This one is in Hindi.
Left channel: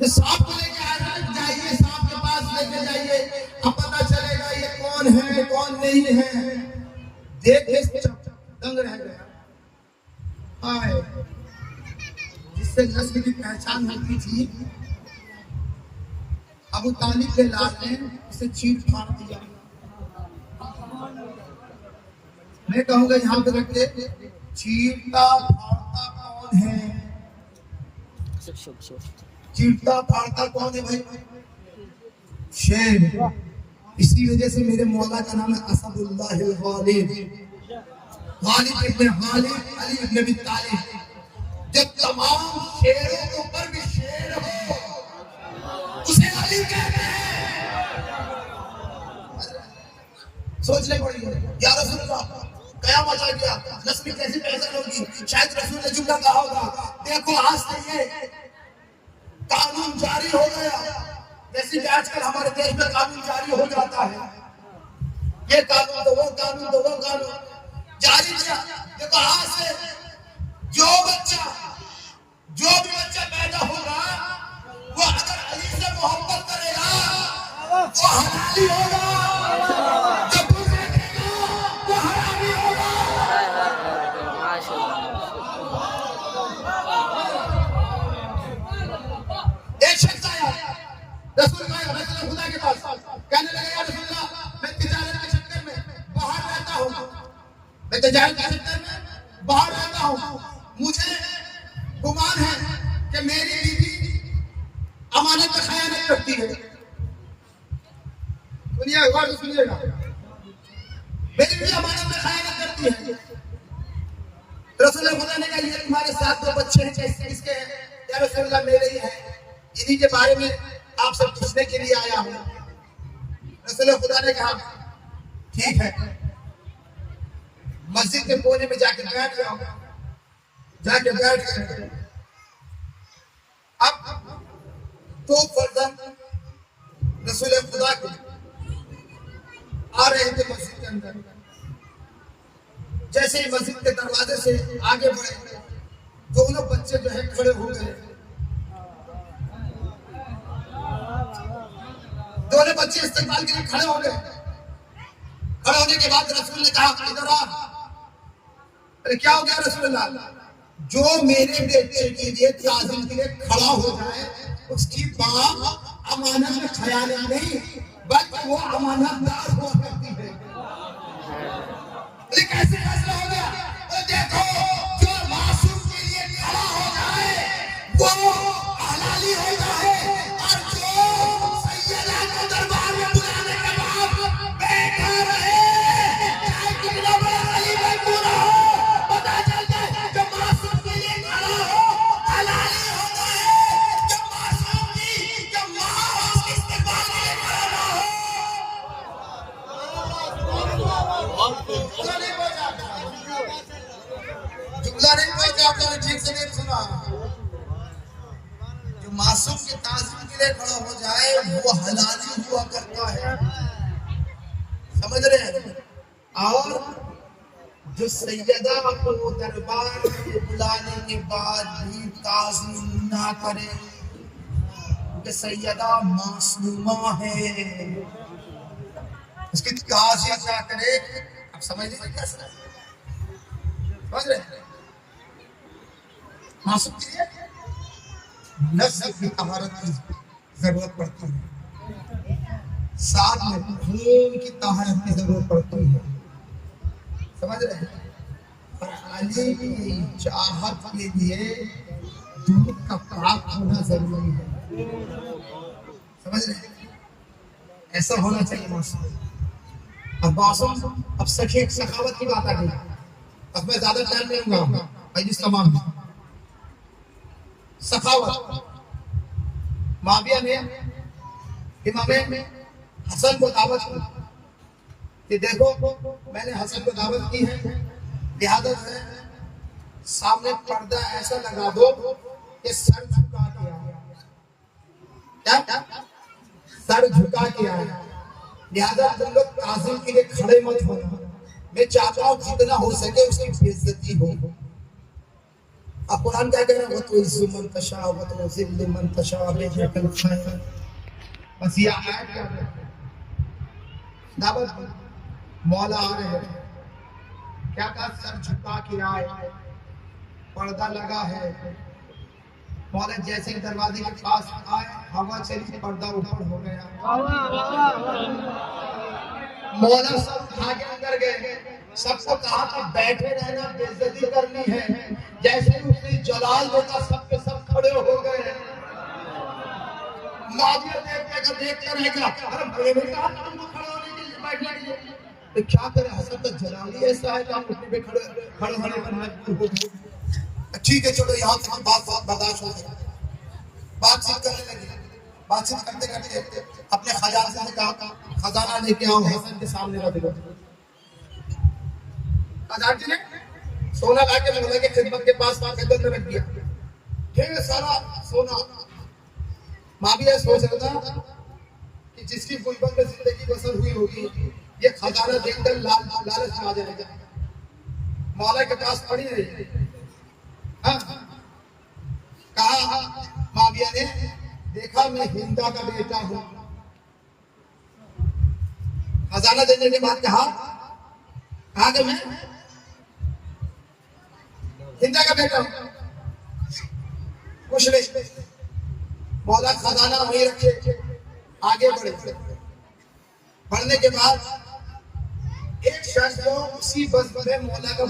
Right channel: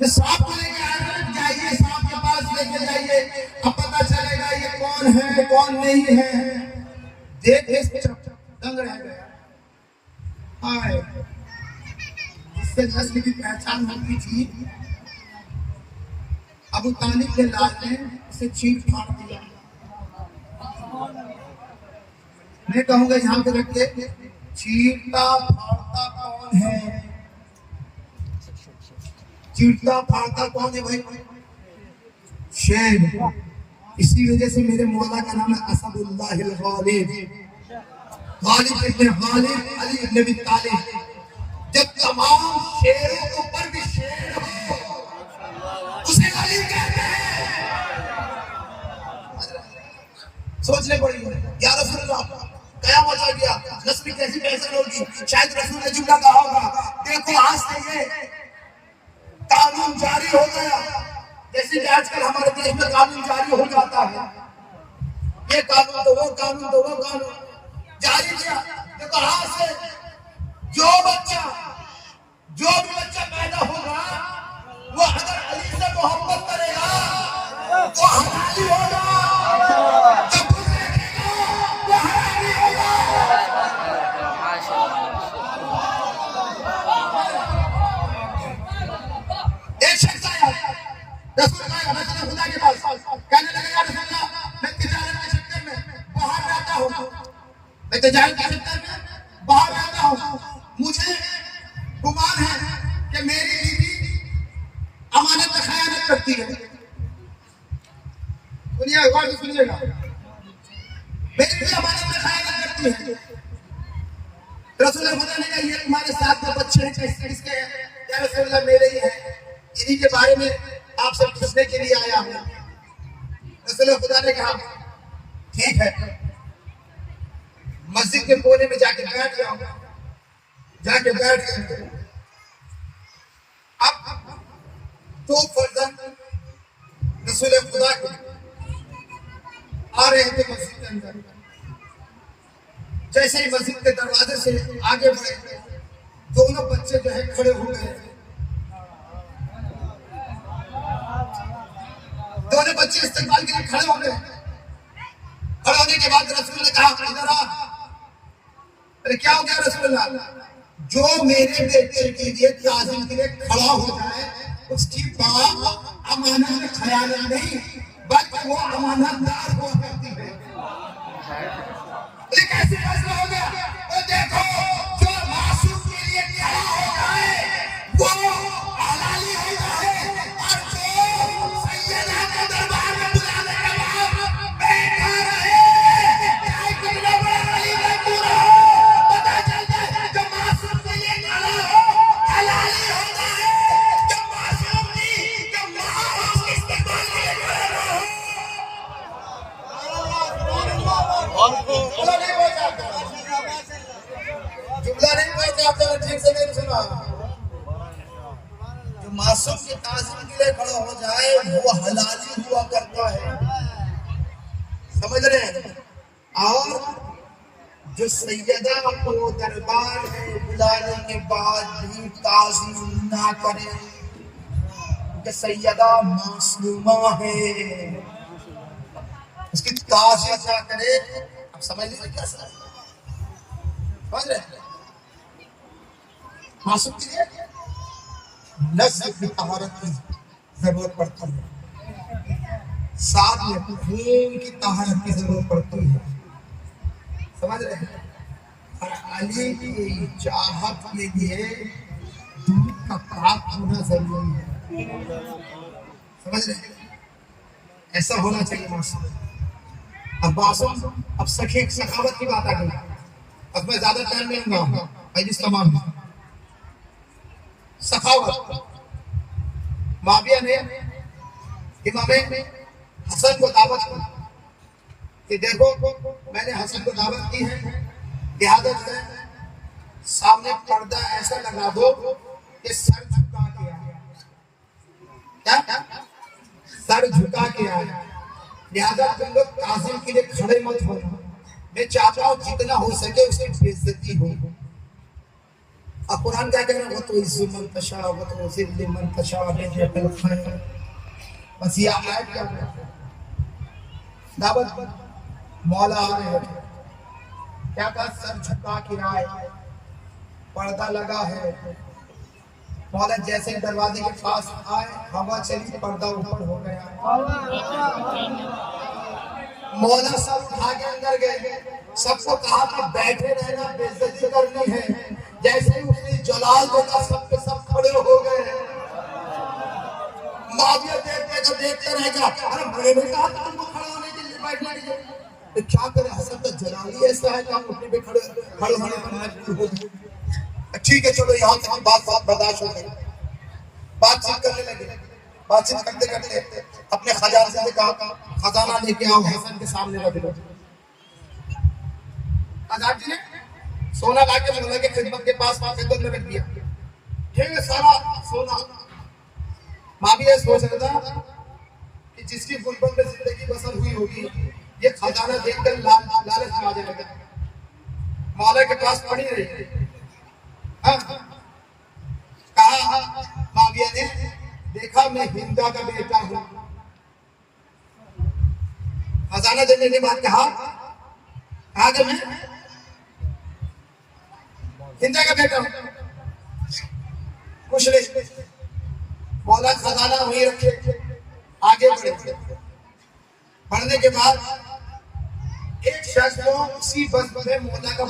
तो सांप को लेकर जाइए, सांप के पास लेकर जाइए, तो पता चलेगा ये कौन है कौन नहीं है। देख दंग रह गया। जिससे नस्ल की पहचान होती थी, अबू तालिब के लाल ने उसे चीर फाड़ दिया। मैं कहूंगा यहाँ पे रख के, चीरता फाड़ता कौन है? चीरता फाड़ता कौन है भाई? शेर। इसी वजह से मेरे मौला का नाम है असदुल्लाह गालिब, गालिब इब्न गालिब अली इब्न अबी तालिब। जब तमाम शेरों के ऊपर भी शेर हो, उसे अली कहते हैं। सोचने पड़ेगी या रसूलुल्लाह, कयामत आ गया, नस्ल कैसी पहचान होगी? शायद रसूल ने जुमला कहा होगा, देखो आज से ये कानून जारी हो गया, जैसे कि आजकल हमारे देश में कानून जारी हो जाता है, ये कानून तो वो कानून तो वो कानून जारी किया। देखो आज से जो भी बच्चा पैदा होगा, वो अगर अली से मोहब्बत करेगा वो हलाली होगा, जो बुरा करेगा वो हरामी होगा। एक शख्स आया रसूलुल्लाह के पास, कहने लगा या रसूलुल्लाह, मैं तिजारत के चक्कर में बाहर रहता हूँ, मैं तिजारत के चक्कर में बाहर रहता हूँ, मुझे गुमान है कि मेरी बीवी अमानत में खयानत करती है। सुनिए, गौर से सुनिएगा, मेरी बीवी अमानत में खयानत करती है। रसूलुल्लाह ने कहा, ये तुम्हारे साथ जो बच्चे हैं किसके हैं? या रसूलुल्लाह मेरे ही हैं, इन्हीं के बारे में आप सब पूछने के लिए आया हूँ। रसूलुल्लाह ने कहा ठीक है, मस्जिद के कोने में जाके बैठ जाओ, जाके बैठ गए। अब तो फर्जन रसूलुल्लाह के आ रहे थे मस्जिद के अंदर। जैसे ही मस्जिद के दरवाजे से आगे बढ़े, दोनों बच्चे जो है खड़े हो गए। दोनों बच्चे इस्तेमाल के लिए खड़े हो गए। खड़े होने के बाद रसूल ने कहा, इधर आ। अरे क्या हो गया रसूलुल्लाह? जो मेरे बेटे के लिए ताज़ीम के लिए खड़ा हो जाए, उसकी बात अमानत में खयानत नहीं, बल्कि वो अमानतदार हुआ करती है। ये कैसे फैसला हो गया? तो देखो, जो मासूम के लिए खड़ा हो जाए वो हलाली हो जाए, और जो सैयदा के दरबार में बुलाने के बाद बैठा रहे, चाहे कितना बड़ा अली महमूद हो, पता चलता है जो मासूम के लिए खड़ा हो हलाली हो जाए, जो मासूम की जो माँ उसके इस्तेमाल के लिए खड़ा हो। जुमला नहीं पहुंचा, आपने ठीक से नहीं सुना। जो मासूम के ताज़ीम के लिए खड़ा हो जाए वो हलाली हुआ करता है, समझ रहे हैं? और जो सैयदा को दरबार में बुलाने के बाद भी ताज़ीम ना करे, कि सैयदा मासूमा है, उसकी ताज़ीम क्या करे? अब समझ लीजिए कैसा है, समझ रहे हैं? मासूम के लिए नस्ल की तहारत की जरूरत पड़ती है, साथ में खून की तहारत की जरूरत पड़ती है, समझ रहे हैं? और अली की चाहत के लिए दूध का पाक होना जरूरी है, समझ रहे हैं? ऐसा होना चाहिए मासूम। अब मासूम, अब सखी सखावत की बात आ गई, अब मैं ज्यादा टाइम नहीं लूंगा भाई, जिस तमाम सखावत। मुआविया ने इमाम हसन को दावत की कि देखो मैंने हसन को दावत की है, लिहाजा से सामने पर्दा ऐसा लगा दो कि सर झुका के आए, क्या सर झुका के आए। लिहाजा तुम लोग ताज़ीम के लिए खड़े मत हो, मैं चाहता हूँ जितना हो सके उसकी बेइज्जती हो। अब कुरान क्या कह रहा है, वो तो इस मन तशा वो तो जिल मन तशा बेजकल खाए। बस ये आयत क्या है, दावत मौला आ रहे हैं, क्या बात, सर झुका के आए, पर्दा लगा है। मौला जैसे दरवाजे के पास आए, हवा चली, पर्दा ऊपर हो गया। मौला सब भागे अंदर गए, सबको कहा कि बैठे रहना, बेइज्जती करनी है। जैसे ही उसने जलाल देखा, सब के सब खड़े हो गए। माविया देखते रह गया, अरे बड़े बेटा तुमको खड़े होने के लिए, बैठने के लिए, तो क्या करे, हसन का जलाली ऐसा है कि हम उठने पे खड़े होने पर मजबूर हो गए। ठीक है चलो, यहाँ से हम बात बर्दाश्त हो गई, बातचीत करने लगे। बातचीत करते करते अपने खजाने से कहा, खजाना लेके आओ, हसन के सामने रख दो। खजान जी ने सोना लाके मौला के खिदमत के पास खिदमत में रख दिया। फिर सारा सोना माविया सोच रहा था कि जिसकी गुलबन में जिंदगी बसर हुई होगी, ये खजाना देखकर लालच में आ जाएगा, मौला के पास पड़ी रही। कहा माविया ने, देखा मैं हिंदा का बेटा हूं। खजाना देने के बाद कहा कि मैं हिंदा का बेटा हूं, कुछ नहीं। मौला खजाना वहीं रखे, आगे बढ़े। बढ़ने के बाद एक शख्स जो उसी बस में मौला का